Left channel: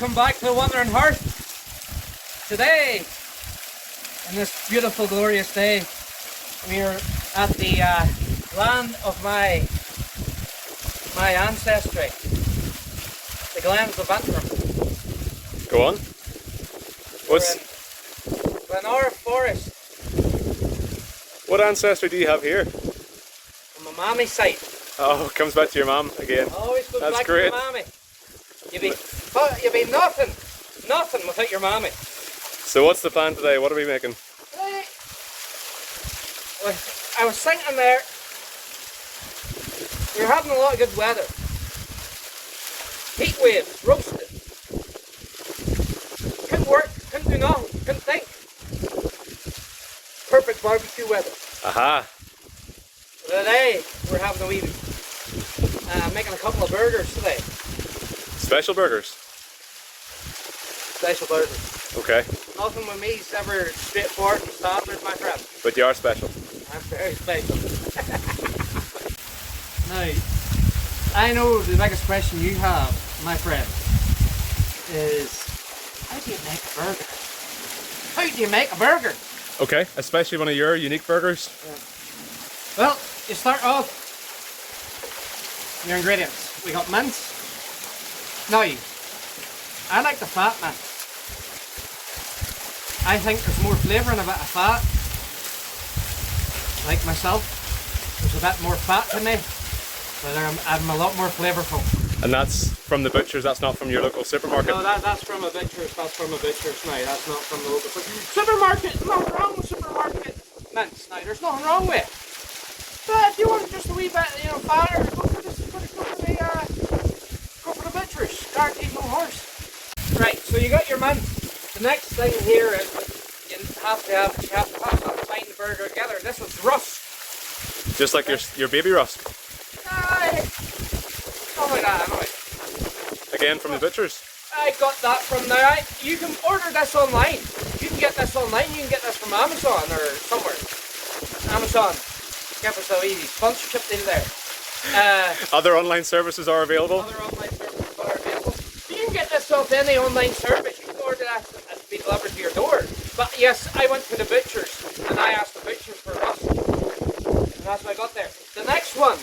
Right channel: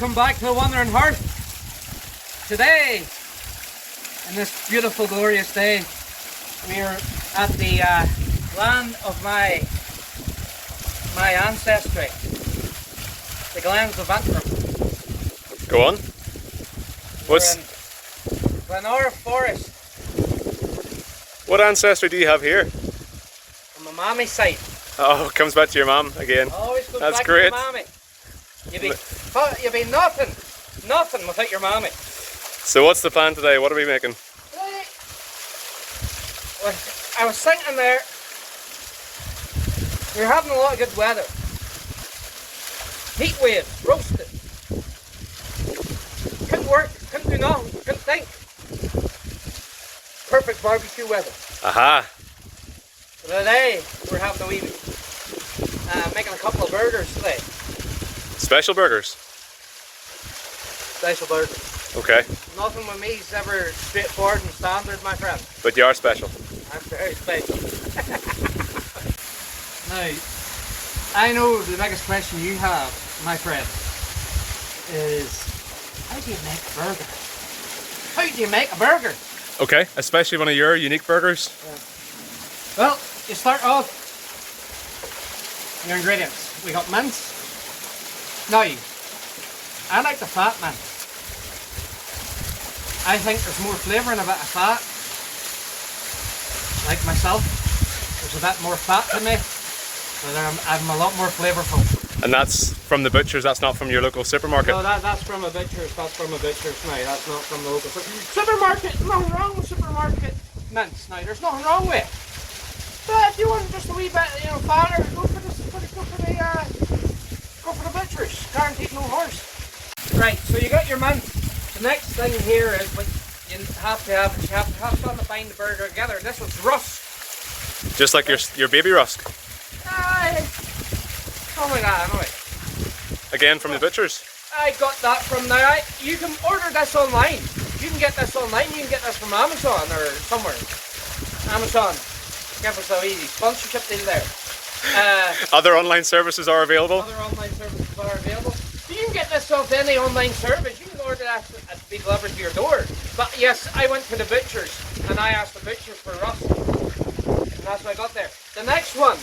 Welcome back to Wandering Hearth. Today, on this beautiful, glorious day, we're at the land of my ancestry, the Glens of Antrim. Go on. We're in our forest. What ancestry do you have here? On my mommy's side. Oh, it comes back to your mum again. Always goes That's back great. to my mommy. You'd be nothing without your mommy. So what's the plan today? What are we making? I was thinking there, we're having a lot of good weather. Heat waves, roasted. Couldn't work, couldn't do nothing, couldn't think. Perfect barbecue weather. Aha! Today, we're having a wee, making a couple of burgers today. Special burgers? Special burgers. Okay. Nothing with me is ever straightforward and standard, my friend. But you are special. I'm very special. Now, I know the biggest question you have, my friend, is how do you make a burger? How do you make a burger? Okay, especially one of your unique burgers. Well, you start off your ingredients. We got mince. Now, I like the fat mince. I think there's more flavour in a bit of fat. Like myself, there's a bit more fat to me, but I'm a lot more flavourful. And that's from the butchers, that's not from your local supermarket? No, that's from a butcher's, that's from a butcher's now, that's not from the local supermarket. Nothing wrong with supermarket mince now, there's nothing wrong with it. But if you want just a wee bit, fatter, go for the butcher's, guaranteed no horse. Right, so you got your mince. The next thing here is you have to bind the burger together. This is rusk. Just like your baby rusk? Something like that, anyway. Again from the butchers? I got that from there. You can order this online. You can get this online. You can get this from Amazon or somewhere. Amazon. Give us a wee sponsorship deal there. Other online services are available? Other online services are available. You can get this off any online service. You can order that to be delivered to your door. But yes, I went to the butchers and I asked the butchers for rusk. And that's what I got there. The next one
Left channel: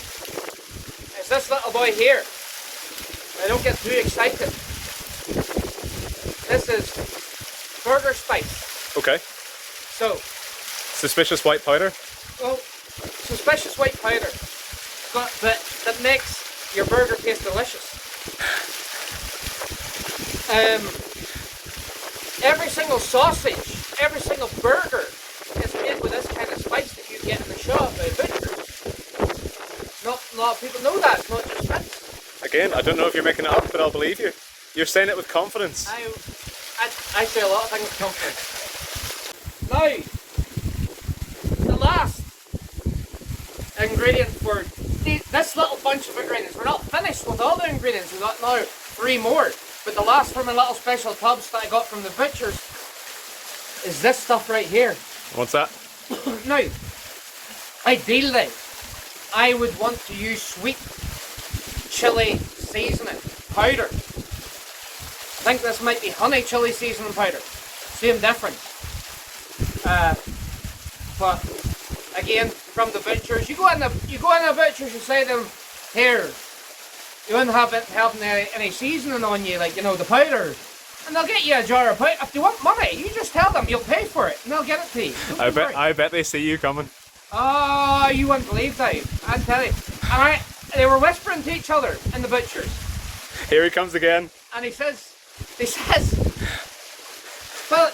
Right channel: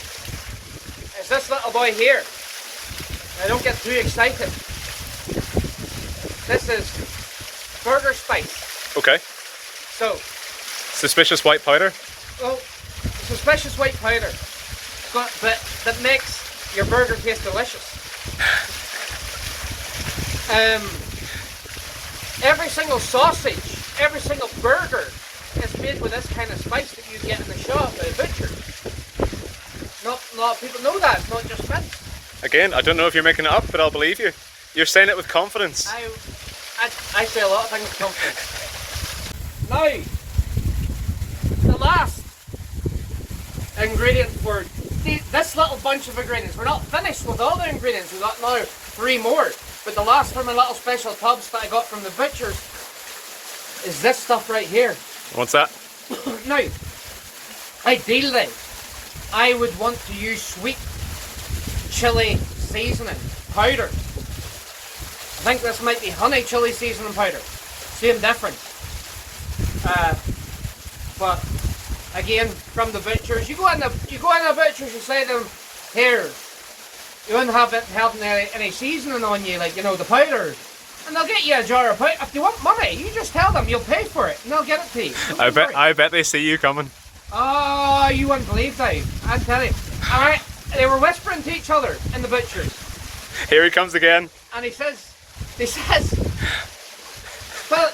is this little boy here. Now don't get too excited. This is burger spice. Okay. So, Suspicious white powder? well, suspicious white powder, but that makes your burger taste delicious. Every single sausage, every single burger is made with this kind of spice that you get in the shop at a butcher. Not a lot of people know that, it's not just mince. Again, I don't know if you're making it up, but I'll believe you. You're saying it with confidence. I say a lot of things with confidence. Now, the last ingredient for this little bunch of ingredients. We're not finished with all the ingredients, we've got now 3 more. But the last from the little special tubs that I got from the butchers is this stuff right here. What's that? Now, ideally, I would want to use sweet chili seasoning powder. I think this might be honey chili seasoning powder. Same difference. But again, from the butchers, you go in the butchers and say to them, here, you wouldn't have any seasoning on you, like, the powder. And they'll get you a jar of powder. If you want money, you just tell them you'll pay for it, and they'll get it to you. I bet they see you coming. Oh, you wouldn't believe that. I'll tell you. Alright, they were whispering to each other in the butchers. Here he comes again. And he says,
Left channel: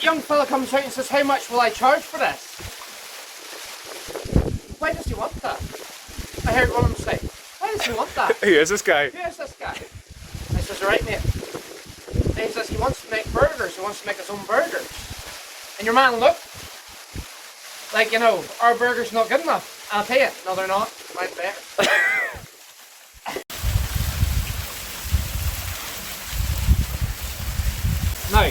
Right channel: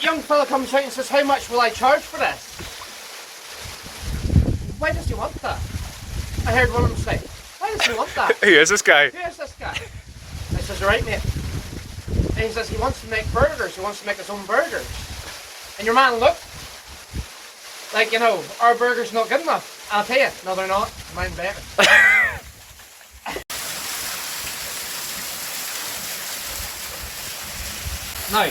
young fella comes out and says, how much will I charge for this? Why does he want that? I heard one of them say, why does he want that? Who is this guy? Who is this guy? I says, right mate. And he says he wants to make burgers, he wants to make his own burgers. And your man looked like, our burger's not good enough. I'll tell you, no they're not, mine's better. Now,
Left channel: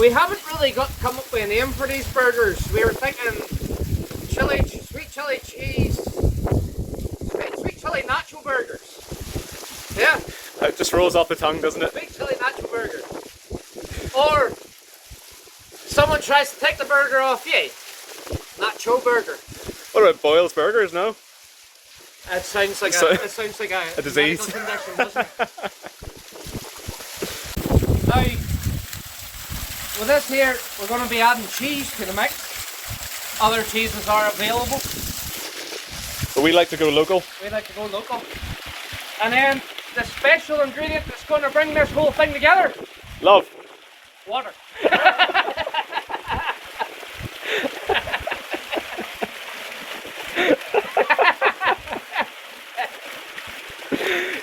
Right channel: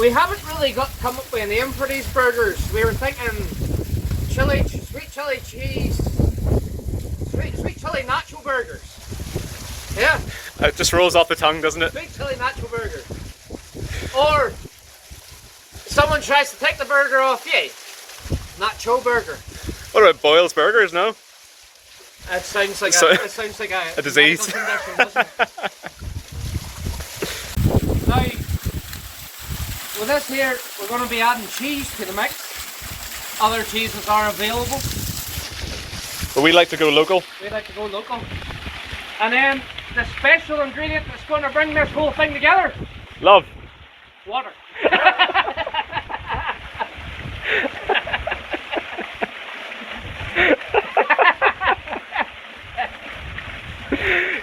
we haven't really come up with a name for these burgers. We were thinking sweet chili cheese, sweet chili nacho burgers. Yeah. It just rolls off the tongue, doesn't it? Sweet chili nacho burgers. Or someone tries to take the burger off you. Nacho burger. What about Boyle's Burgers, no? It sounds like it sounds like a disease. Condition, doesn't it? Now, with this here, we're going to be adding cheese to the mix. Other cheeses are available. But we like to go local. We like to go local. And then the special ingredient that's going to bring this whole thing together. Love. Water.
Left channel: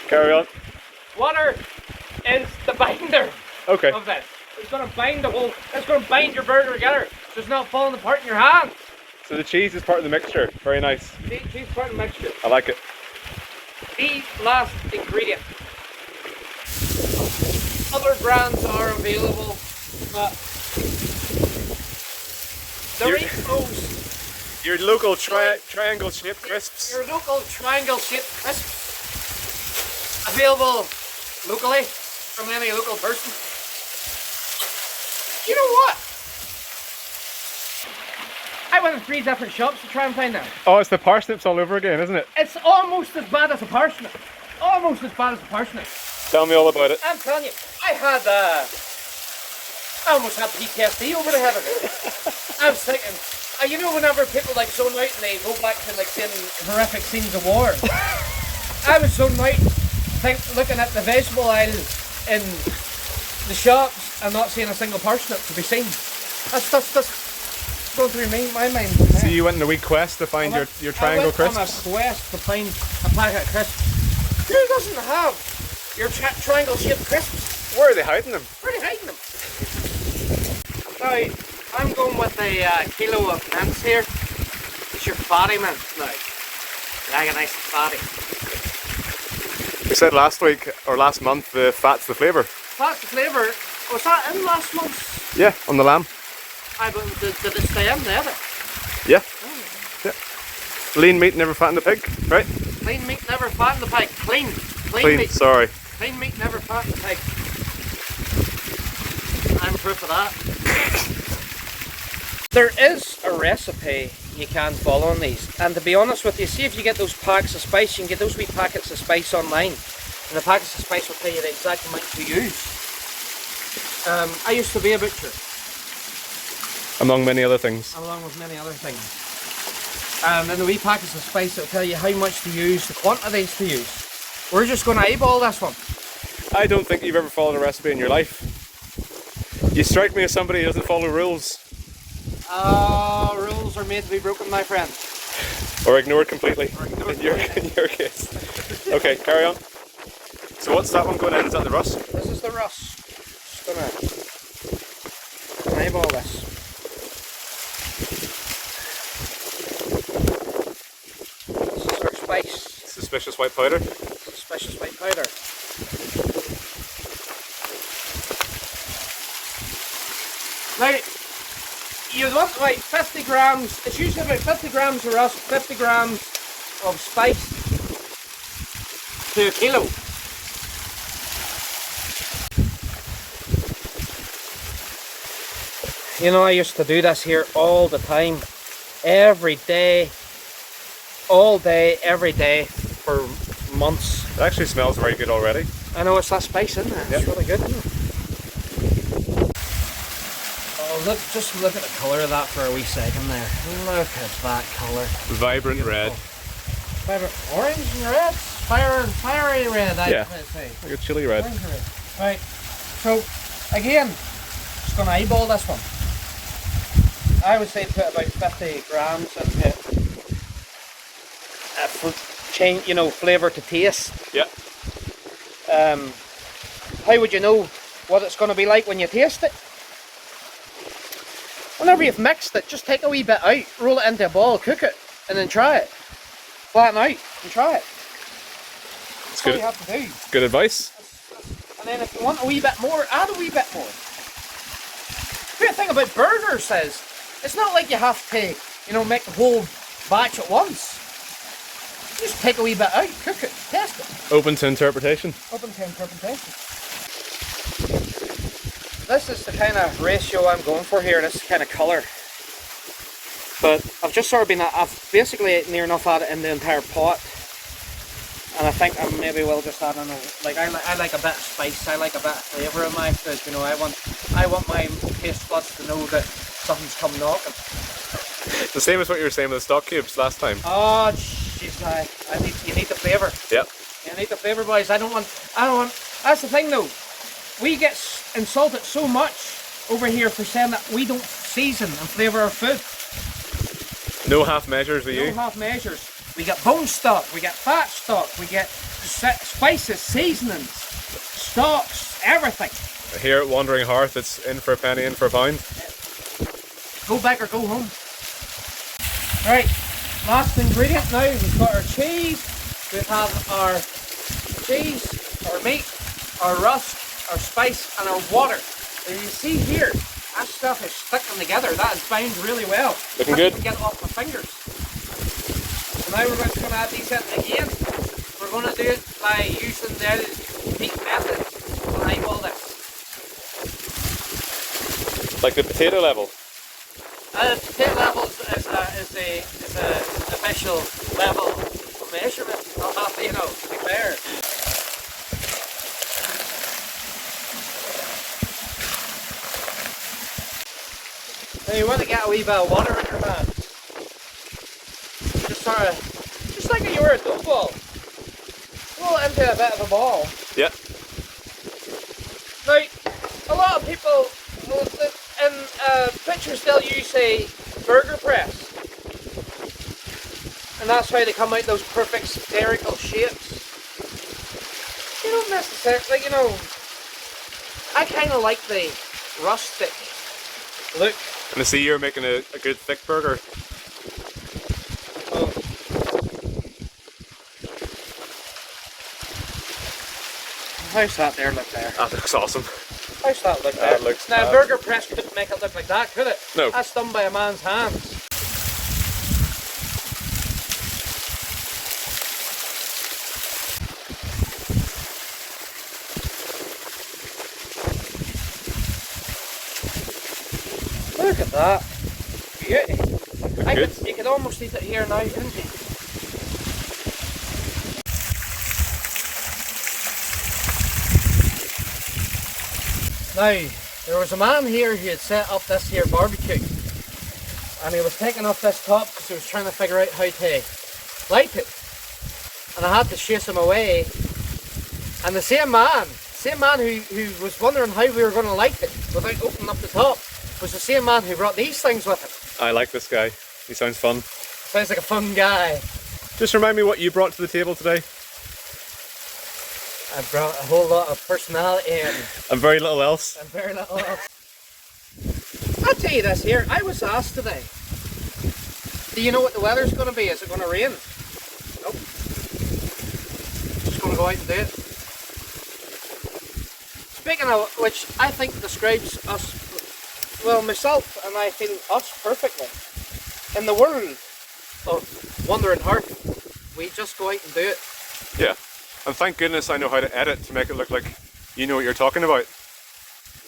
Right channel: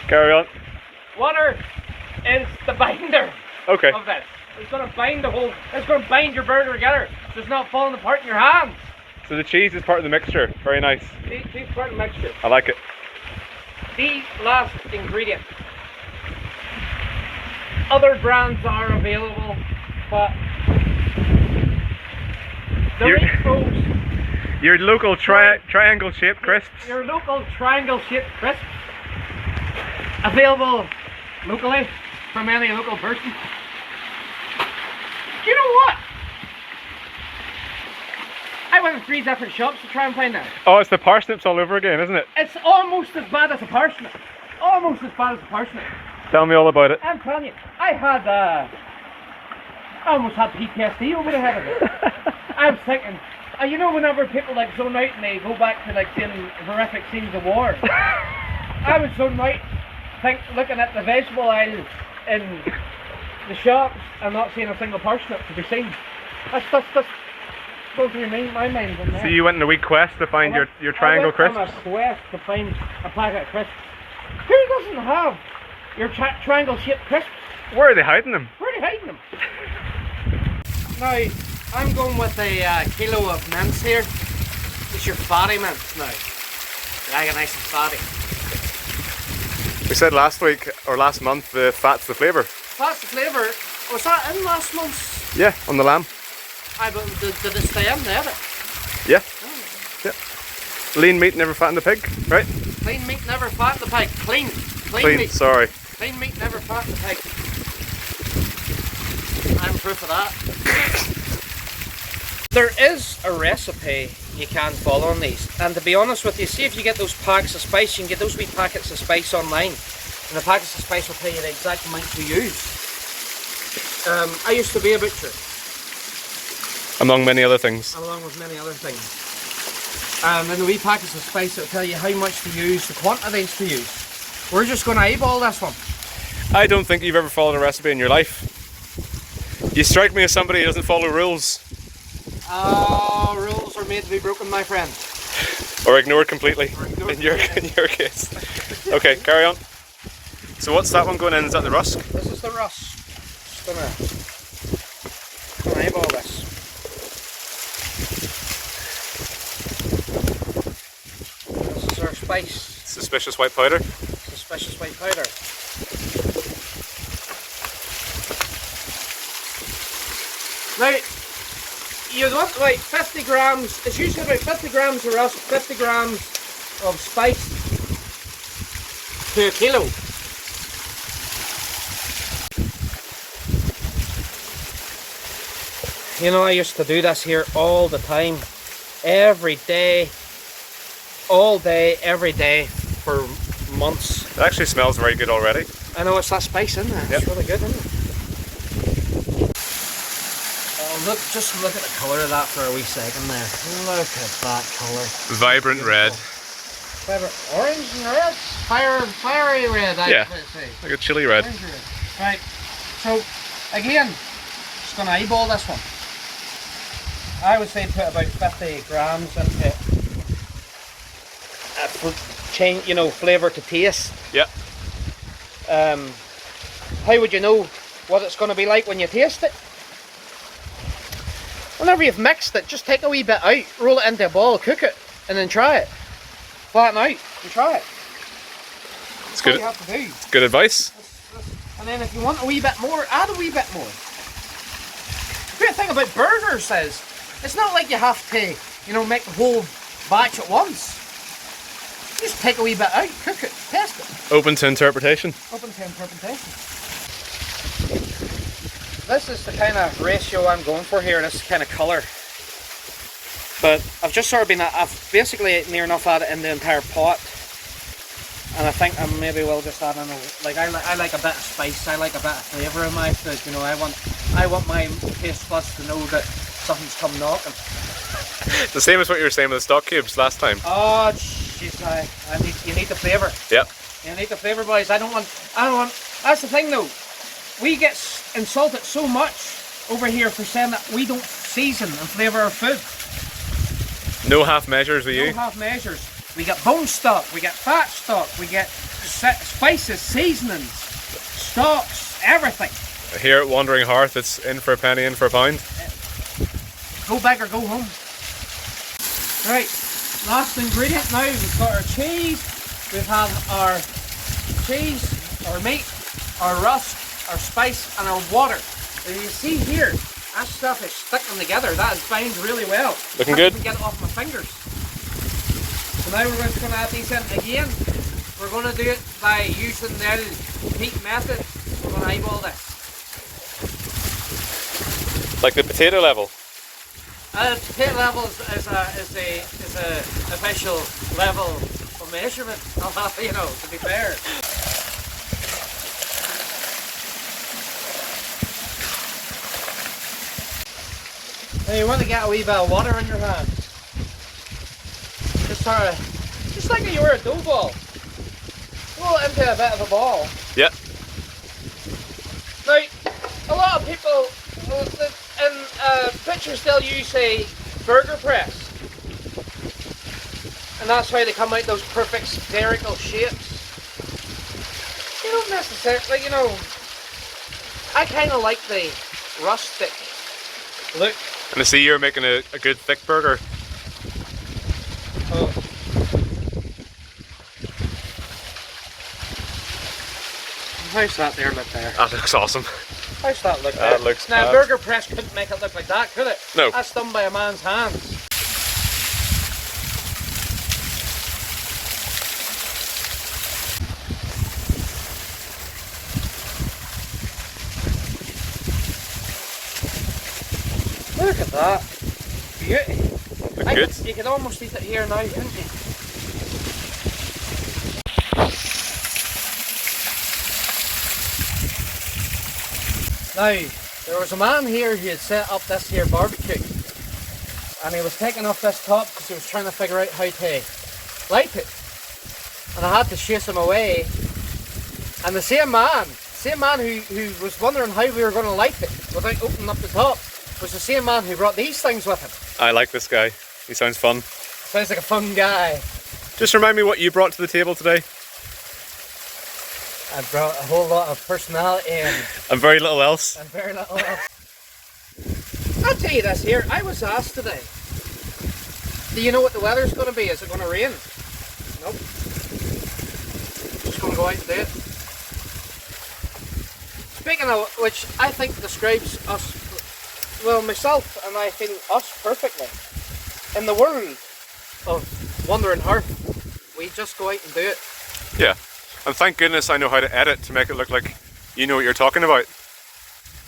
Carry on. Water is the binder Okay. of this. It's going to bind the whole, it's going to bind your burger together so it's not falling apart in your hands. So the cheese is part of the mixture. Very nice. Cheese part of the mixture. I like it. The last ingredient. Other brands are available, but Doritos, Your local triangle shaped crisps. your local triangle shaped crisps, available locally from any local person. Do you know what? I went in 3 different shops to try and find out. Oh, it's the parsnips all over again, isn't it? It's almost as bad as a parsnip. Almost as bad as a parsnip. Tell me all about it. I'm telling you, I almost had PTSD over the head of it. I was thinking, you know, whenever people like zone out and they go back to like seeing horrific scenes of war, I was zoning out, looking at the vegetable aisle in the shops and not seeing a single parsnip to be seen. That's going through my mind. So you went on a wee quest to find your triangle crisps? I went on a quest to find a packet of crisps. Who doesn't have your triangle shaped crisps? Where are they hiding them? Where are they hiding them? Now, I'm going with a kilo of mince here. It's your fatty mince now. Yeah, nice and fatty. We said last week, or last month, the fat's the flavour. Fat's the flavour. Was that in last month's? Yeah, on the lamb. Did it stay in there? Yeah. Oh. Yeah. Lean meat never fattened the pig, right? Lean meat never fattened the pig. Clean meat. Sorry. Lean meat never fattened the pig. I'm proof of that. There is a recipe you can follow on these, and to be honest with you, see if you get those packs of spice, you can get those wee packets of spice online, and the packets of spice will tell you the exact amount to use. I used to be a butcher. Among many other things. Along with many other things. And in the wee packets of spice it'll tell you how much to use, the quantities to use. We're just going to eyeball this one. I don't think you've ever followed a recipe in your life. You strike me as somebody who doesn't follow rules. Rules are made to be broken, my friend. Or ignored completely, in your case. Okay, carry on. So what's that one going in? Is that the rusk? This is the rusk. Gonna eyeball this. This is our spice. Suspicious white powder. Suspicious white powder. Now, you want like 50 grams, it's usually about 50 grams of rusk, 50 grams of spice to a kilo. You know, I used to do this here all the time, every day, all day, every day for months. It actually smells very good already. I know, it's that spice in there, it's really good, isn't it? Just look at the colour of that for a wee second there. Look at that colour. Vibrant red. Vibrant orange and red? Fiery red, I Yeah, would say. like a chili red. Right, so again, just going to eyeball this one. I would say put about 50 grams into it. Change, you know, flavour to taste. Yeah. How would you know what it's going to be like when you taste it? Whenever you've mixed it, just take a wee bit out, roll it into a ball, cook it, and then try it. Flatten out and try it. That's good. What you have to do. Good advice. And then if you want a wee bit more, add a wee bit more. The great thing about burgers is, it's not like you have to, you know, make the whole batch at once. Just take a wee bit out, cook it, test it. Open to interpretation. Open to interpretation. this is the kind of ratio I'm going for here, this kind of colour. But I've just sort of been, I've basically near enough at it in the entire pot. And I think I maybe will just add in like I like a bit of spice, I like a bit of flavour in my food, you know, I want my taste buds to know that something's come knocking. The same as what you were saying with the stock cubes last time. Oh jeez, you need the flavour. Yep. You need the flavour, boys. I don't want, that's the thing though. We get insulted so much over here for saying that we don't season and flavour our food. No half measures with you. No half measures. We get bone stock, we get fat stock, we get spices, seasonings, stocks, everything. Here at Wandering Hearth, it's in for a penny, in for a pound. Go back or go home. Right, last ingredient now, we've got our cheese, we have our cheese, our meat, our rust, our spice and our water. And you see here, that stuff is sticking together, that is bound really well. Looking good. I can get it off my fingers. So now we're just going to add these in again. We're going to do it by using the heat method. We're going to eyeball this. Like the potato level? Potato level is the official level of measurement. You know, to be fair. Now you want to get a wee bit of water in your hand. Just like you were a dough ball. Roll it into a bit of a ball. Yeah. Now, a lot of people in pictures they'll use a burger press. And that's how they come out those perfect spherical shapes. You don't necessarily, like, you know, I kind of like the rustic look. And I see you're making a good thick burger. Oh. How's that there look there? That looks awesome. How's that look there? That looks now, a burger press couldn't make it look like that, could it? No. That's done by a man's hands. Look at that. Beauty. Look good. You could almost eat it here now, couldn't you? Now, there was a man here who had set up this here barbecue, and he was taking off this top because he was trying to figure out how to light it, and I had to chase him away. And the same man who was wondering how we were going to light it without opening up the top was the same man who brought these things with him. I like this guy. He sounds fun. Sounds like a fun guy. Just remind me what you brought to the table today. I brought a whole lot of personality and very little else. And very little else. I'll tell you this here, I was asked today, do you know what the weather's going to be? Is it going to rain? Nope. Just going to go out and do it. Speaking of which, I think describes us, well, myself and I feel us perfectly. In the world of Wandering Hearth, we just go out and do it. Yeah. And thank goodness I know how to edit to make it look like you know what you're talking about.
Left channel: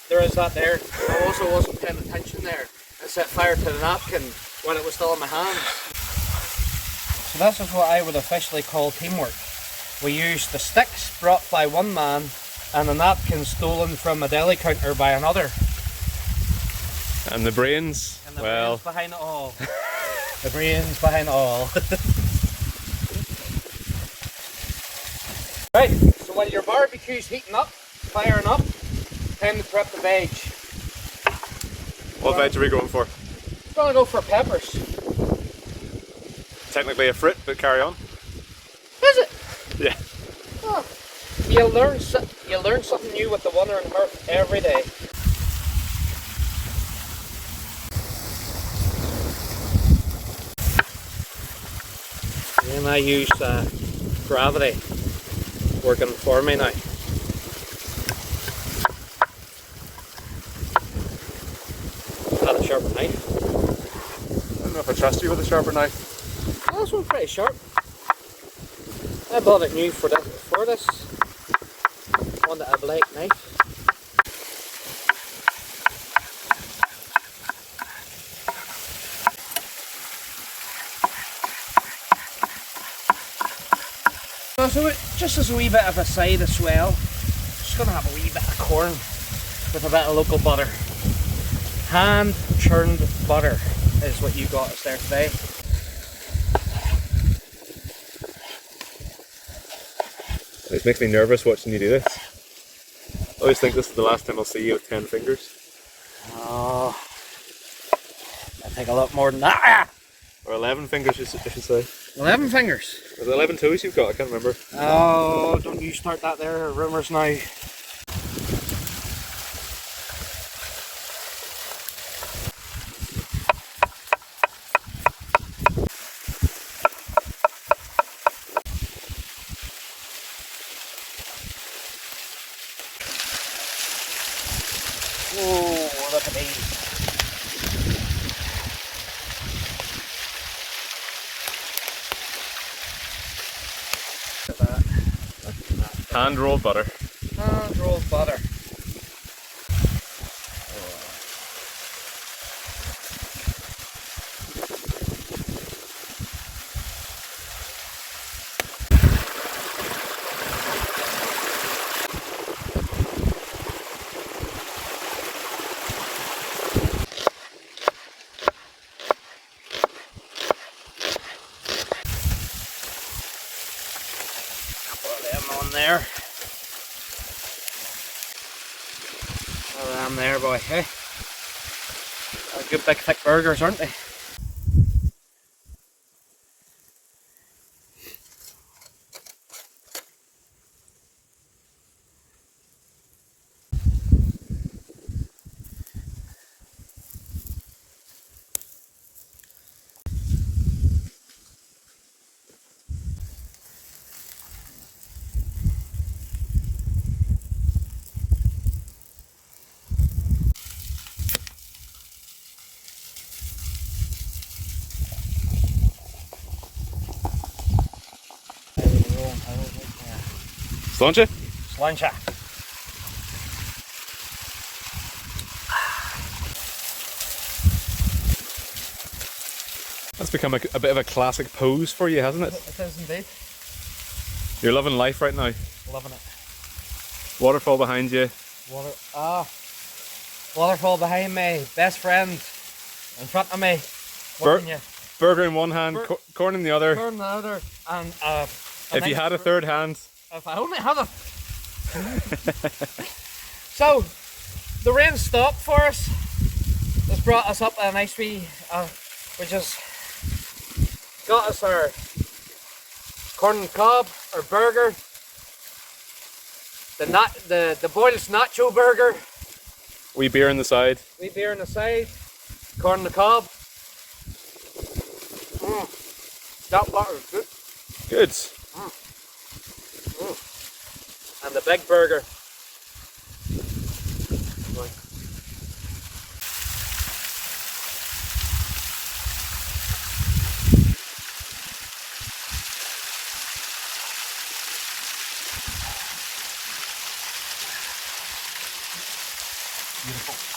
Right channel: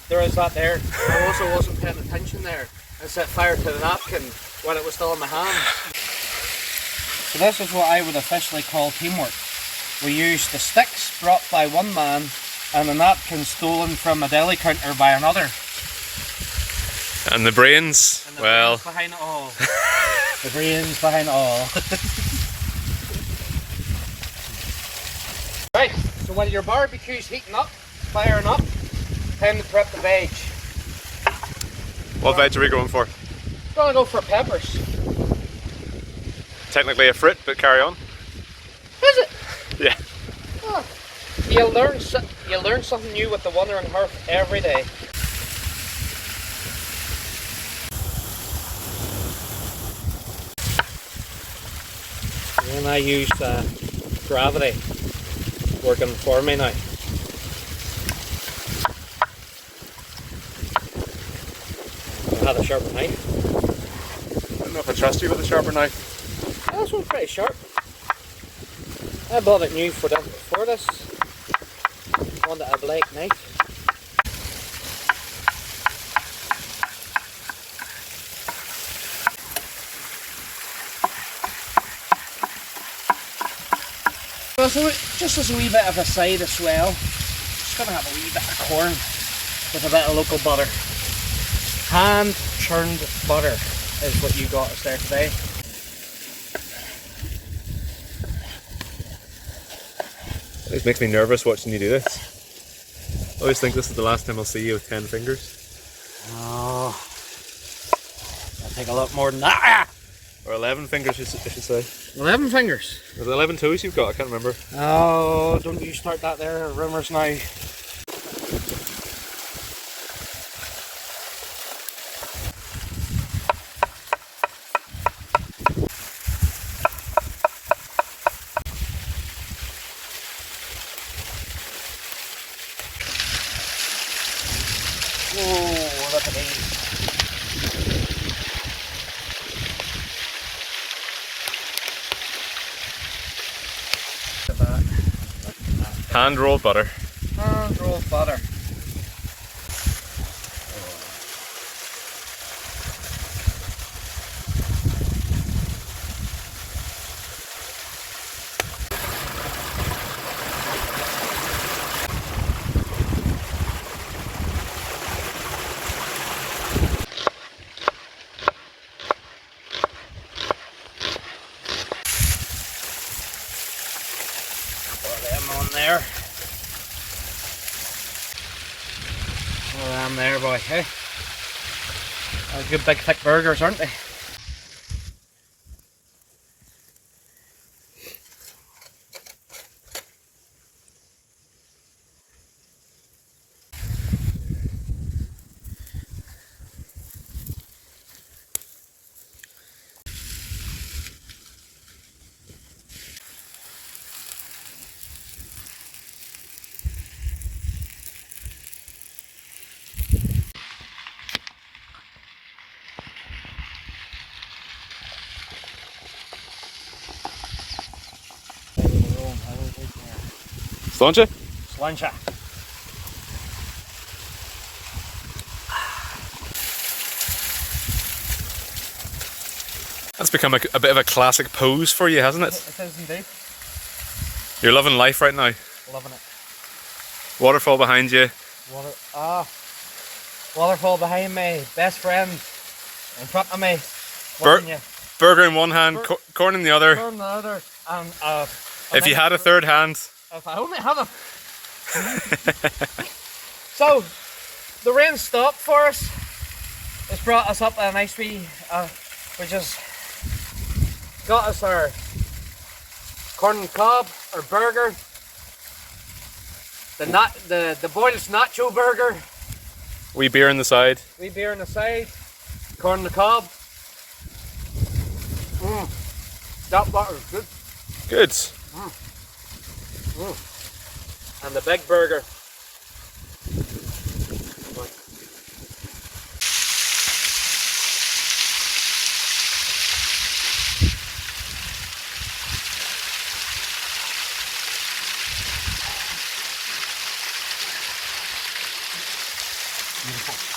There is that there. I also wasn't paying attention there. I set fire to the napkin while it was still in my hand. So this is what I would officially call teamwork. We used the sticks brought by one man and the napkin stolen from a deli counter by another. And the brains, and the well... brains behind it all. The brains behind it all. Right, so when your barbecue's heating up, firing up, time to prep the veg. What veg are we going for? I'm going to go for peppers. Technically a fruit, but carry on. Is it? Yeah. Oh, you learn something new with the Wandering Hearth every day. And I use gravity working for me now. Had a sharper knife. I don't know if I trust you with a sharper knife. Oh, this one's pretty sharp. I bought it new for this. Wanted a black knife. just as a wee bit of a side as well, just gonna have a wee bit of corn with a bit of local butter. Hand churned butter is what you got us there today. It makes me nervous watching you do this. I always think this is the last time I'll see you with 10 fingers. Oh, I think a lot more than that. Or 11 fingers, I should say. 11 fingers. Is it 11 toes you've got? I can't remember. Oh, don't you start that there, rumours now. Oh, look at these. Hand rolled butter. Hand rolled butter. On there. I'm there, boy. Hey, good big thick burgers, aren't they? Sláinte? Sláinte. That's become a bit of a classic pose for you, hasn't it? It is indeed. You're loving life right now. Loving it. Waterfall behind you. Waterfall behind me. Best friend in front of me. Burger in one hand, corn in the other. Corn in the other. And if you had a third hand. If I only have a... So, the rain stopped for us. It's brought us up a nice wee... we just got us our corn and cob, our burger. The boiled nacho burger. Wee beer on the side. Wee beer on the side. Corn and the cob. That butter's good. Good. And the big burger. Beautiful.